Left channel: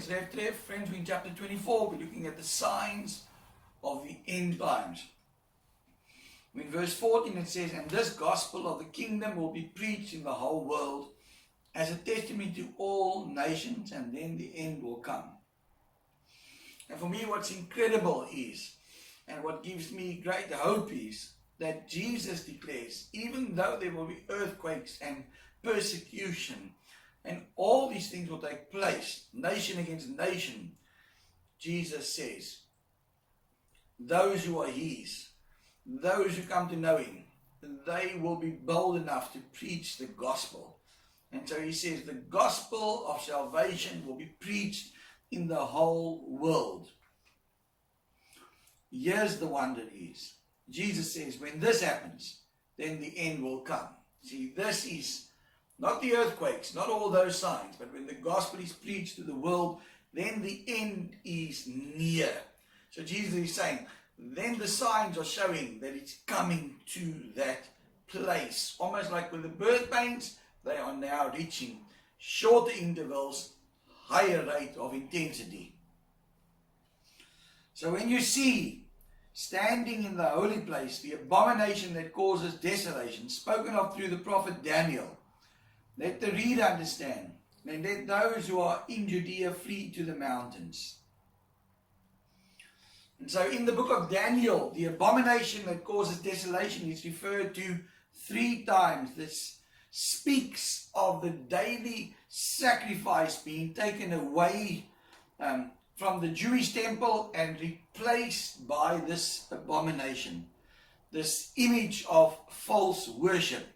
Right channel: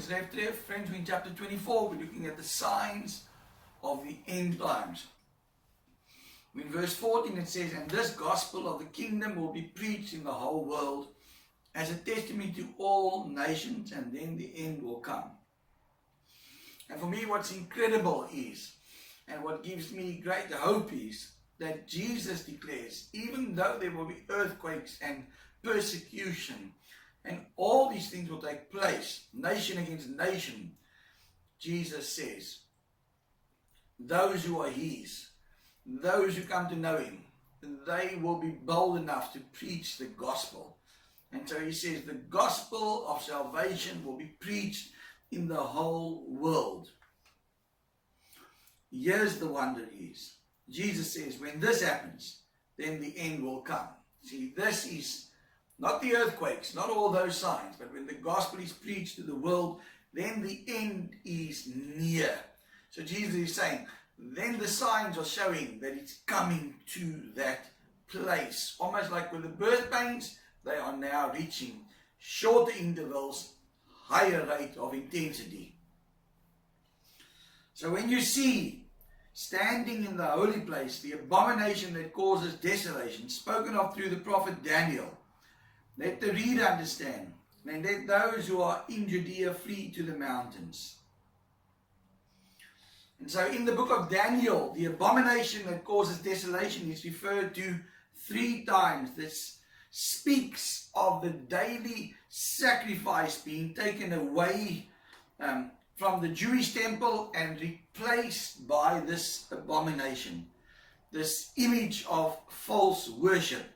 it's Rev Trevor. Friends, we're in chapter 24. We're looking at the signs of the end times. In verse 14 it says, "And this gospel of the kingdom will be preached in the whole world as a testimony to all nations, and then the end will come." And for me, what's incredible is, and what gives me great hope is, that Jesus declares, even though there will be earthquakes and persecution, and all these things will take place, nation against nation, Jesus says, those who are his, those who come to know him, they will be bold enough to preach the gospel. And so he says the gospel of salvation will be preached in the whole world. Here's the wonder is, Jesus says, when this happens, then the end will come. See, this is not the earthquakes, not all those signs, but when the gospel is preached to the world, then the end is near. So Jesus is saying, then the signs are showing that it's coming to that place. Almost like with the birth pains, they are now reaching shorter intervals, higher rate of intensity. So when you see standing in the holy place, the abomination that causes desolation, spoken of through the prophet Daniel, let the reader understand, and let those who are in Judea flee to the mountains. And so in the book of Daniel, the abomination that causes desolation is referred to 3 times. This speaks of the daily sacrifice being taken away from the Jewish temple and replaced by this abomination, this image of false worship.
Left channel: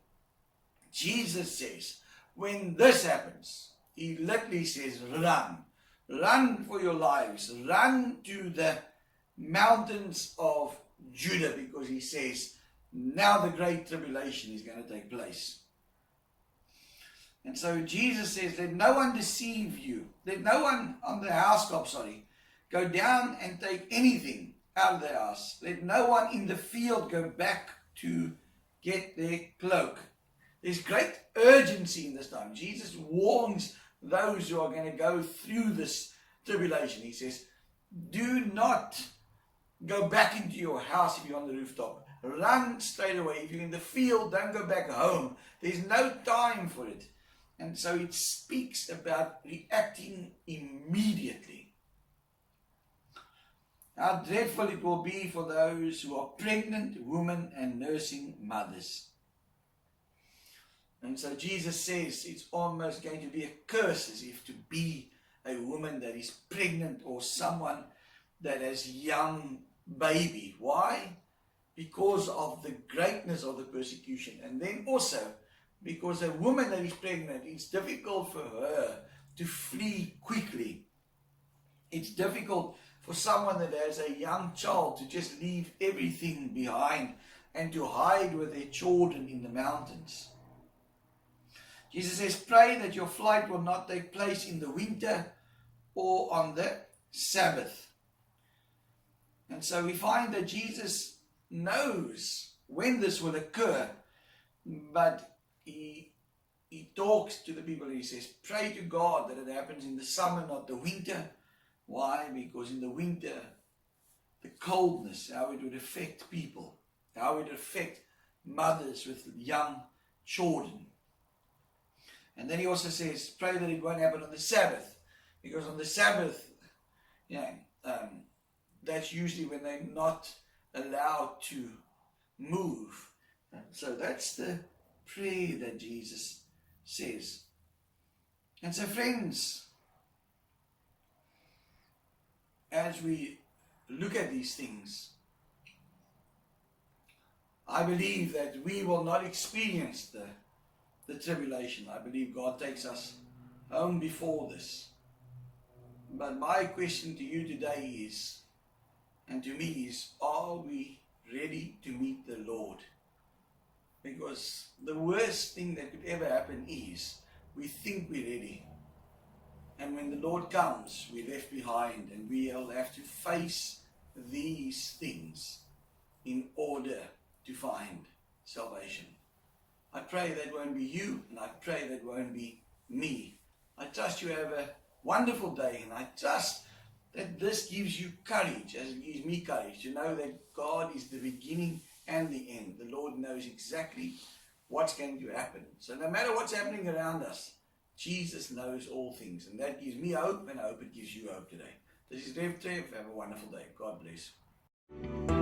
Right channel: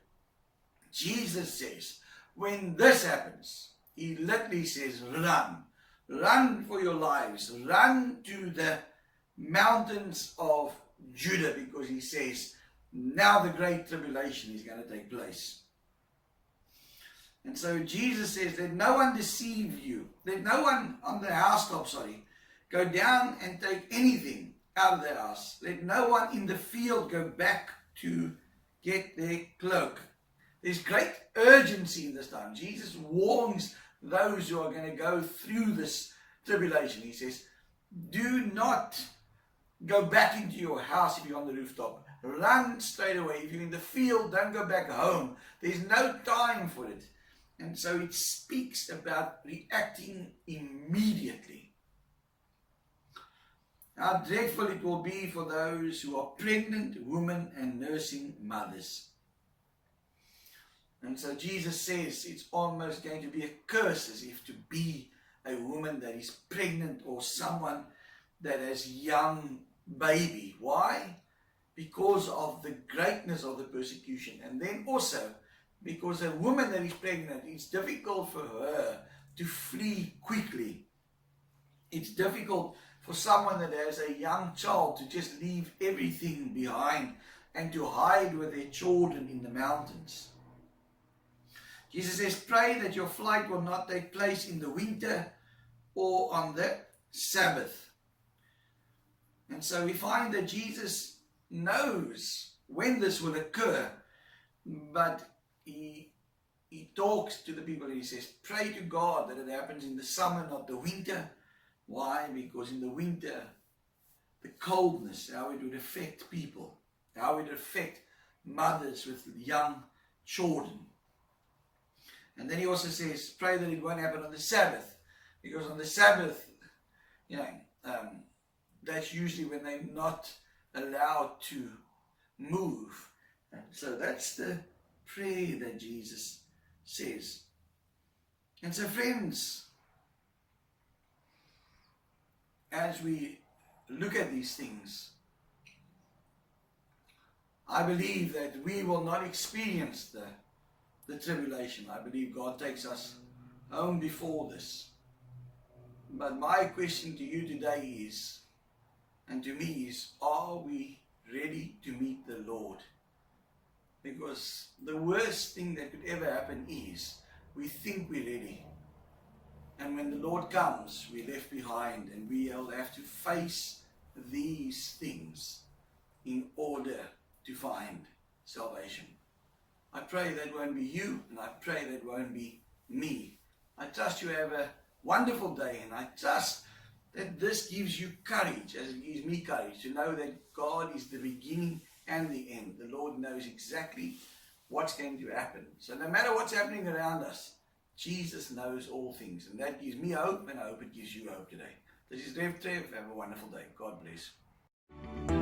Jesus says, when this happens, he literally says, run for your lives, run to the mountains of Judah, because he says, now the great tribulation is going to take place. And so Jesus says, let no one deceive you. Let no one on the housetop, go down and take anything out of their house. Let no one in the field go back to get their cloak. There's great urgency in this time. Jesus warns those who are going to go through this tribulation. He says, do not go back into your house if you're on the rooftop. Run straight away. If you're in the field, don't go back home. There's no time for it. And so it speaks about reacting immediately. How dreadful it will be for those who are pregnant women and nursing mothers. And so Jesus says it's almost going to be a curse as if to be a woman that is pregnant or someone that has young baby. Why? Because of the greatness of the persecution. And then also because a woman that is pregnant, it's difficult for her to flee quickly. It's difficult for someone that has a young child to just leave everything behind and to hide with their children in the mountains. Jesus says, pray that your flight will not take place in the winter or on the Sabbath. And so we find that Jesus knows when this will occur, but he talks to the people and he says, pray to God that it happens in the summer, not the winter. Why? Because in the winter, the coldness, how it would affect people, how it would affect mothers with young children. And then he also says, pray that it won't happen on the Sabbath, because on the Sabbath, that's usually when they're not allowed to move. And so that's the prayer that Jesus says. And so friends, as we look at these things, I believe that we will not experience the tribulation. I believe God takes us home before this. But my question to you today is, and to me is, are we ready to meet the Lord? Because the worst thing that could ever happen is we think we're ready. And when the Lord comes, we're left behind and we'll have to face these things in order to find salvation. I pray that won't be you, and I pray that won't be me. I trust you have a wonderful day. And I trust that this gives you courage, as it gives me courage, to know that God is the beginning and the end. The Lord knows exactly what's going to happen. So no matter what's happening around us, Jesus knows all things. And that gives me hope, and I hope it gives you hope today. This is Rev Trev. Have a wonderful day. God bless.